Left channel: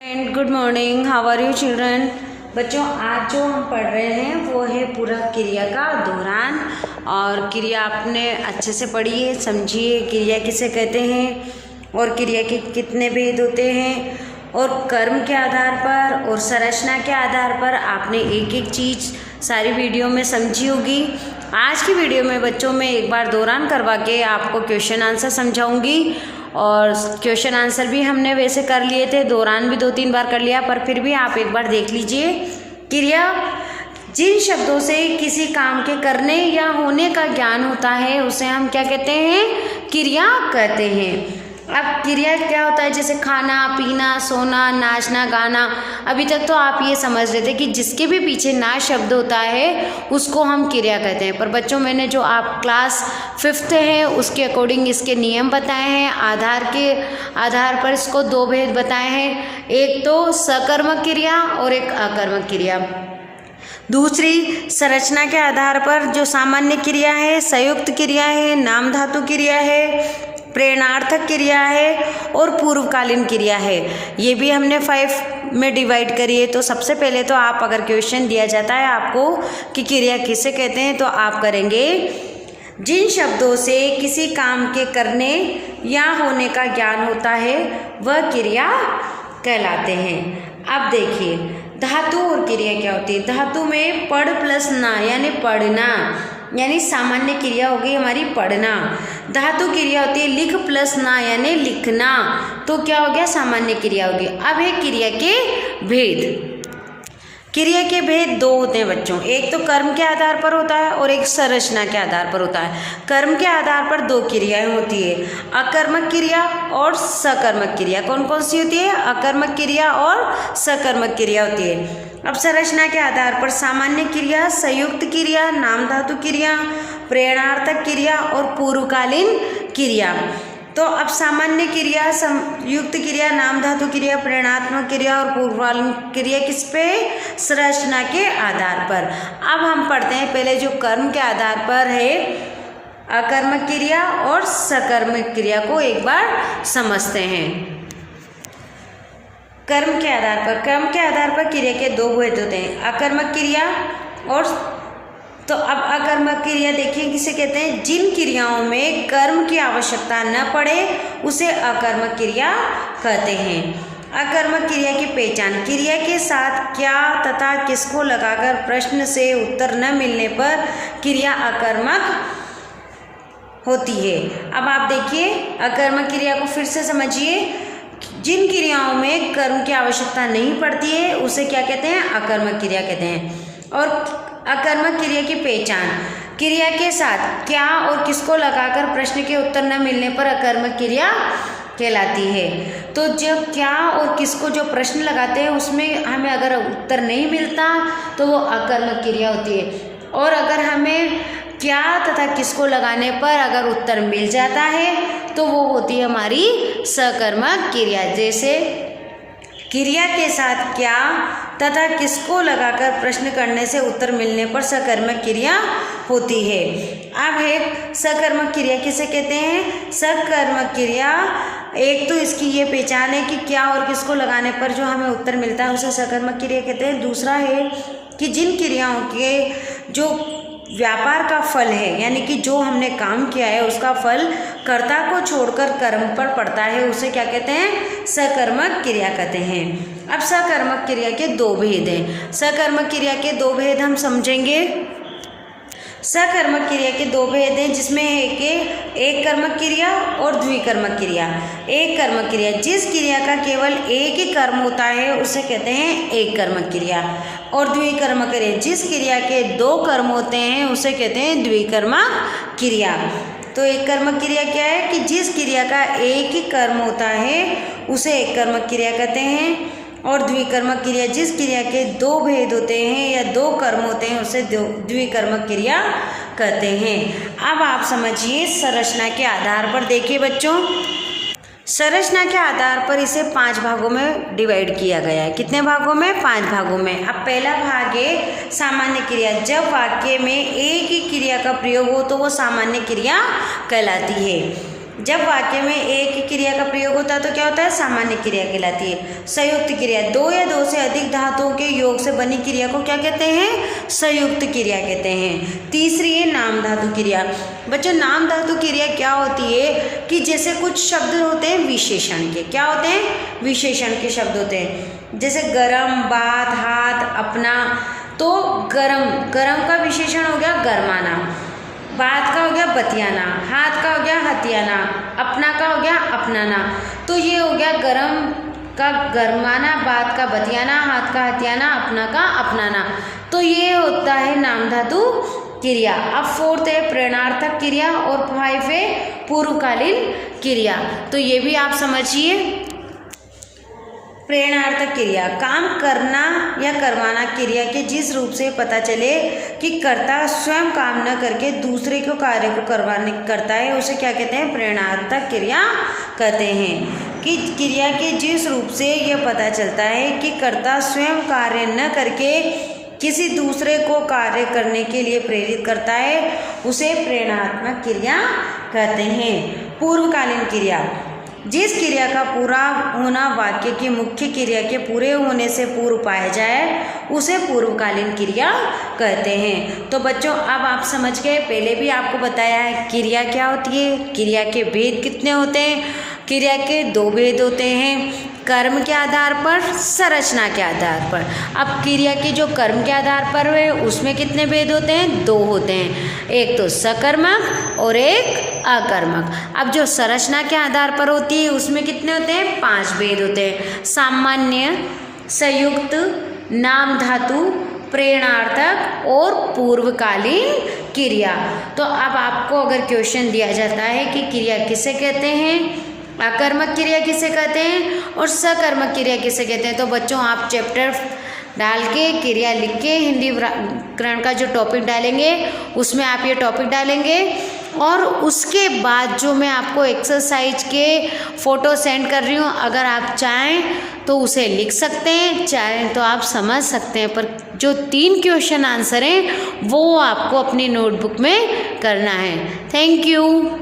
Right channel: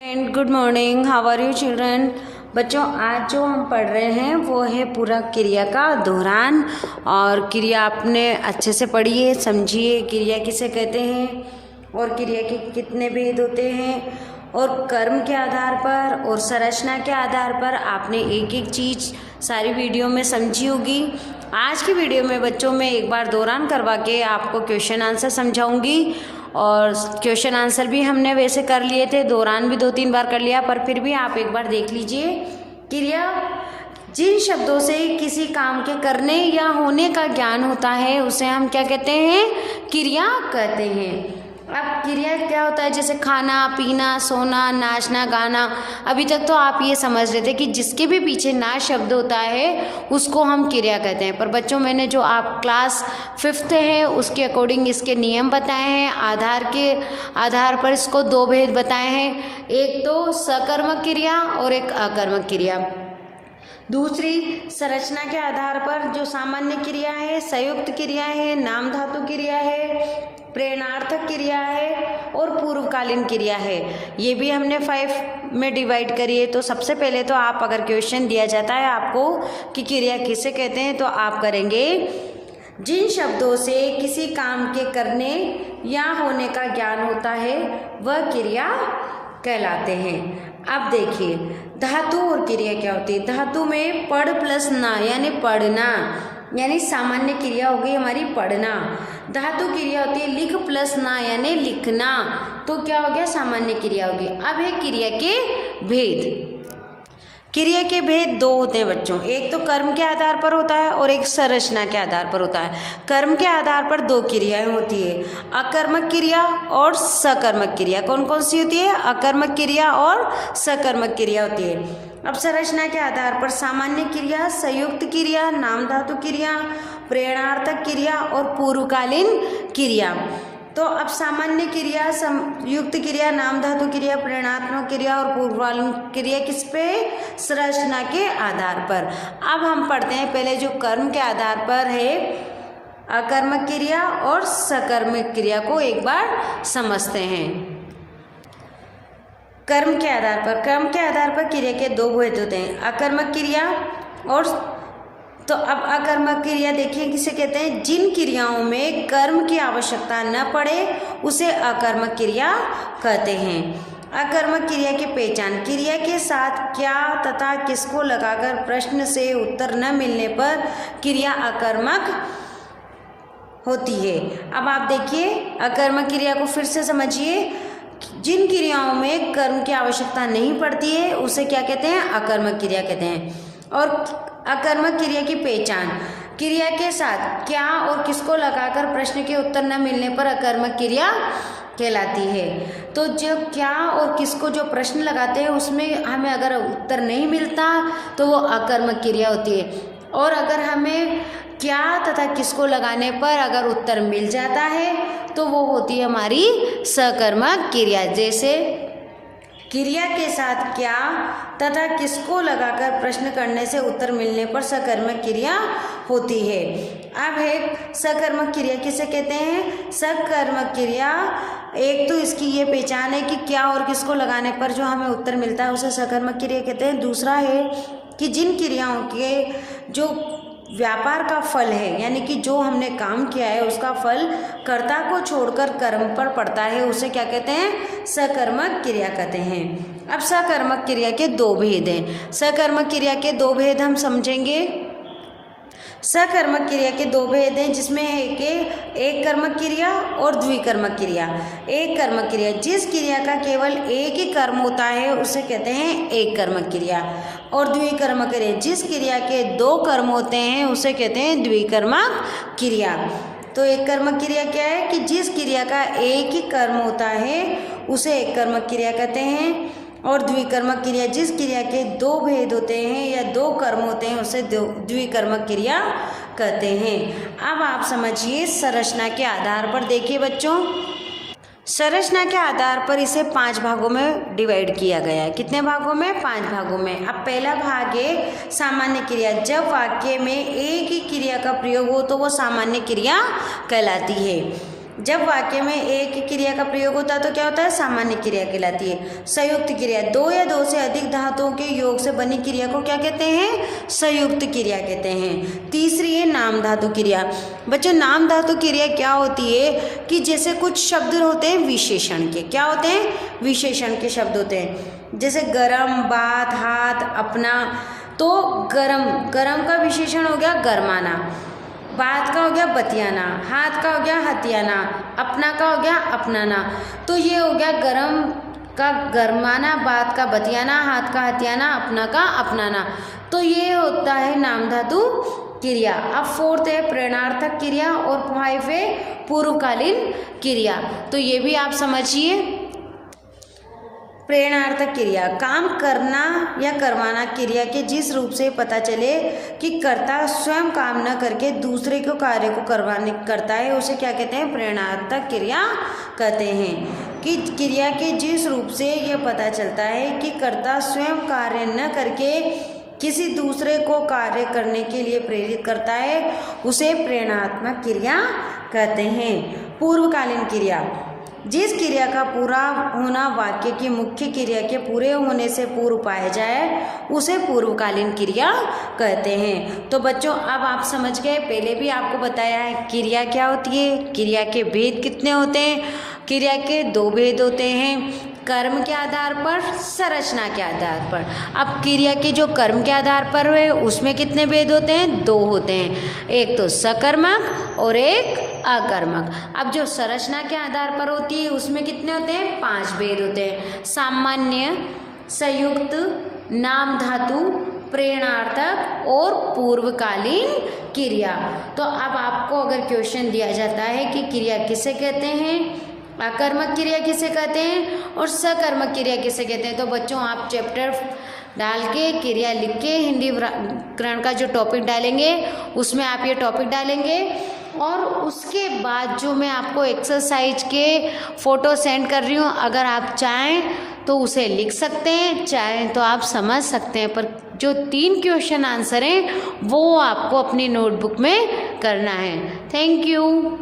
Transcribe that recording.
And good morning, how are you children. बच्चों, आज जो हम पढ़ रहे हैं वो है पूरा क्रिया का दोहरान। और क्रिया आपने अच्छे से पढ़ी है, समझिए क्रिया किसे कहते हैं और क्रिया के कितने भेद होते हैं, और कर्म के आधार पर और संरचना के आधार पर आपने एक एक चीज़ सारी वीडियो में समझी होगी। आज की वीडियो में बच्चों में एक बार दोहरान करवा के आपको क्वेश्चन आंसर समझाऊंगी। और क्वेश्चन आंसर भी हमने वैसे कर लिए थे, दोहरान भी 2-3 बार कर लिया, पर फिर भी आप एक बार देख लीजिए। क्रिया जिन शब्दों से किसी काम के करने या होने का ज्ञान होता है उसे हम क्या कहते हैं? क्रिया कहते हैं। अब क्रिया क्या होता है? जैसे खाना, पीना, सोना, नाचना, गाना। अभी तक तो आप ये समझ रहे थे कि जिसके भी पीछे ना शब्द होता है उसको हम क्रिया कहते हैं। पर बच्चों, मैंने जो आप क्लास 5th है उसके अकॉर्डिंग इसके नियम बताए हैं, आधार पर इसको 2 भेद बताए हैं। एक तो सकर्मक क्रिया और एक अकर्मक क्रिया। दूसरी संरचना के आधार पर जो सामान्य क्रिया है, संयुक्त क्रिया है, नाम धातु क्रिया है, प्रेरणार्थक क्रिया है और पूर्वकालीन क्रिया है। ये भी हमने 5 में डिवाइड करी है। तो सबसे पहले तो आप, अगर क्वेश्चन दिया जाता है आपको कि क्रिया किसे कहते हैं, तो आप करेंगे जिन शब्दों से किसी काम के करने या होने का ज्ञान होता है वह क्रिया कहलाते हैं। अब देखिए, धातु और क्रिया क्या होती है। धातु में पढ़ प्लस ना यानी पढ़ना, यानी सामान्य क्रिया होगी हमारी पढ़ना। धातु क्रिया होती है लिख प्लस ना यानी लिखना, तो क्या हो गया? सामान्य क्रिया होगी। अब है क्रिया के भेद। क्रिया के भेद 2 होते हैं बच्चों, एक तो कर्म के आधार पर होता है और एक संरचना के आधार पर होता है। कर्म के आधार पर 2 क्रियाएं होती है, अकर्मक क्रिया और सकर्मक क्रिया। कौन कौन सी होती है? अकर्मक क्रिया और सकर्मक क्रिया होती है। अब संरचना के आधार पर सामान्य क्रिया, संयुक्त क्रिया, नाम धातु क्रिया, प्रेरणार्थक क्रिया और पूर्वकालीन क्रिया। तो अब सामान्य क्रिया, संयुक्त क्रिया, नाम धातु क्रिया, प्रेरणात्मक क्रिया और पूर्वकालीन क्रिया किस पे? संरचना के आधार पर। अब हम पढ़ते हैं पहले जो कर्म के आधार पर है, अकर्मक क्रिया और सकर्मक क्रिया को एक बार समझते हैं। कर्म के आधार पर क्रिया के 2 भेद होते हैं, अकर्मक क्रिया और तो अब अकर्मक क्रिया देखिए किसे कहते हैं? जिन क्रियाओं में कर्म की आवश्यकता न पड़े उसे अकर्मक क्रिया कहते हैं। अकर्मक क्रिया की पहचान, क्रिया के साथ क्या तथा किसको लगाकर प्रश्न से उत्तर न मिलने पर क्रिया अकर्मक होती है। अब आप देखिए, अकर्मक क्रिया को फिर से समझिए। जिन क्रियाओं में कर्म की आवश्यकता नहीं पड़ती है उसे क्या कहते हैं? अकर्मक क्रिया कहते हैं। और अकर्मक क्रिया की पहचान, क्रिया के साथ क्या और किसको लगाकर प्रश्न के उत्तर न मिलने पर अकर्मक क्रिया कहलाती है। तो जब क्या और किसको जो प्रश्न लगाते हैं उसमें हमें अगर उत्तर नहीं मिलता तो वो अकर्मक क्रिया होती है। और अगर हमें क्या तथा किसको लगाने पर अगर उत्तर मिल जाता है तो वो होती है हमारी सकर्मक क्रिया। जैसे क्रिया के साथ क्या तथा किसको लगाकर प्रश्न करने से उत्तर मिलने पर सकर्मक क्रिया होती है। अब है सकर्मक क्रिया किसे कहते हैं? सकर्मक क्रिया, एक तो इसकी ये पहचान है कि क्या और किसको लगाने पर जो हमें उत्तर मिलता है उसे सकर्मक क्रिया कहते हैं। दूसरा है कि जिन क्रियाओं के जो व्यापार का फल है, यानी कि जो हमने काम किया है उसका फल कर्ता को छोड़कर कर्म पर पड़ता है, उसे क्या कहते हैं? सकर्मक क्रिया कहते हैं। अब सकर्मक क्रिया के 2 भेद हैं। सकर्मक क्रिया के 2 भेद हम समझेंगे। सकर्मक क्रिया के 2 भेद हैं, जिसमें है कि एक कर्मक क्रिया और द्विकर्मक क्रिया। एक कर्मक क्रिया, जिस क्रिया का केवल एक ही कर्म होता है उसे कहते हैं एक कर्मक क्रिया। और द्विकर्मक क्रिया, जिस क्रिया के 2 कर्म होते हैं उसे कहते हैं द्विकर्मक क्रिया। तो एक कर्मक क्रिया क्या है? कि जिस क्रिया का एक ही कर्म होता है उसे एक कर्मक क्रिया कहते हैं। और द्विकर्मक क्रिया, जिस क्रिया के 2 भेद होते हैं या 2 कर्म होते हैं उसे द्विकर्मक क्रिया कहते हैं। अब आप समझिए संरचना के आधार पर। देखिए बच्चों, संरचना के आधार पर इसे 5 भागों में डिवाइड किया गया है। कितने भागों में? 5 भागों में। अब पहला भाग है सामान्य क्रिया। जब वाक्य में एक ही क्रिया का प्रयोग हो तो वो सामान्य क्रिया कहलाती है। जब वाक्य में एक ही क्रिया का प्रयोग होता है तो क्या होता है, सामान्य क्रिया कहलाती है। संयुक्त क्रिया, दो या दो से अधिक धातुओं के योग से बनी क्रिया को क्या कहते हैं, संयुक्त क्रिया कहते हैं। तीसरी है नाम धातु क्रिया। बच्चों नाम धातु क्रिया क्या होती है कि जैसे कुछ शब्द होते हैं विशेषण के, क्या होते हैं, विशेषण के शब्द होते हैं, जैसे गरम, बात, हाथ, अपना। तो गरम, गरम का विशेषण हो गया गरमाना, बात का हो गया बतियाना, हाथ का हो गया हथियाना, अपना का हो गया अपनाना। तो ये हो गया गरम का गरमाना, बात का बतियाना, हाथ का हथियाना, अपना का अपनाना। तो ये होता है नाम धातु क्रिया। अब फोर्थ है प्रेरणार्थक क्रिया और 5 है पूर्वकालीन क्रिया। तो ये भी आप समझिए। प्रेरणार्थक क्रिया, काम करना या करवाना क्रिया के जिस रूप से पता चले कि कर्ता स्वयं काम न करके दूसरे को कार्य को करवाने करता है, उसे क्या कहते हैं, प्रेरणार्थक क्रिया कहते हैं। कि क्रिया के जिस रूप से यह पता चलता है कि कर्ता स्वयं कार्य न करके किसी दूसरे को कार्य करने के लिए प्रेरित करता है, उसे प्रेरणात्मक क्रिया कहते हैं। पूर्वकालीन क्रिया, जिस क्रिया का पूरा होना वाक्य की मुख्य क्रिया के पूरे होने से पूर्व पाया जाए, उसे पूर्वकालीन क्रिया कहते हैं। तो बच्चों अब आप समझ गए, पहले भी आपको बताया है क्रिया क्या होती है, क्रिया के भेद कितने होते हैं। क्रिया के 2 भेद होते हैं, कर्म के आधार पर, संरचना के आधार पर। अब क्रिया के जो कर्म के आधार पर है उसमें कितने भेद होते हैं, 2 होते हैं, एक तो सकर्मक और एक अकर्मक। अब जो संरचना के आधार पर होती है उसमें कितने होते हैं, 5 भेद होते हैं, सामान्य, संयुक्त, नाम धातु, प्रेरणार्थक और पूर्वकालीन क्रिया। तो अब आपको अगर क्वेश्चन दिया जाता है कि क्रिया किसे कहते हैं, अकर्मक क्रिया किसे कहते हैं और सकर्मक क्रिया किसे कहते हैं, तो बच्चों आप चैप्टर डाल के क्रिया लिख के हिंदी व्याकरण का जो टॉपिक डालेंगे उसमें आप ये टॉपिक डालेंगे और उसके बाद जो मैं आपको एक्सरसाइज के फ़ोटो सेंड कर रही हूँ, अगर आप चाहें तो उसे लिख सकते हैं, चाहें तो आप समझ सकते हैं, पर जो 3 क्वेश्चन आंसर हैं वो आपको अपनी नोटबुक में करना है। Thank you.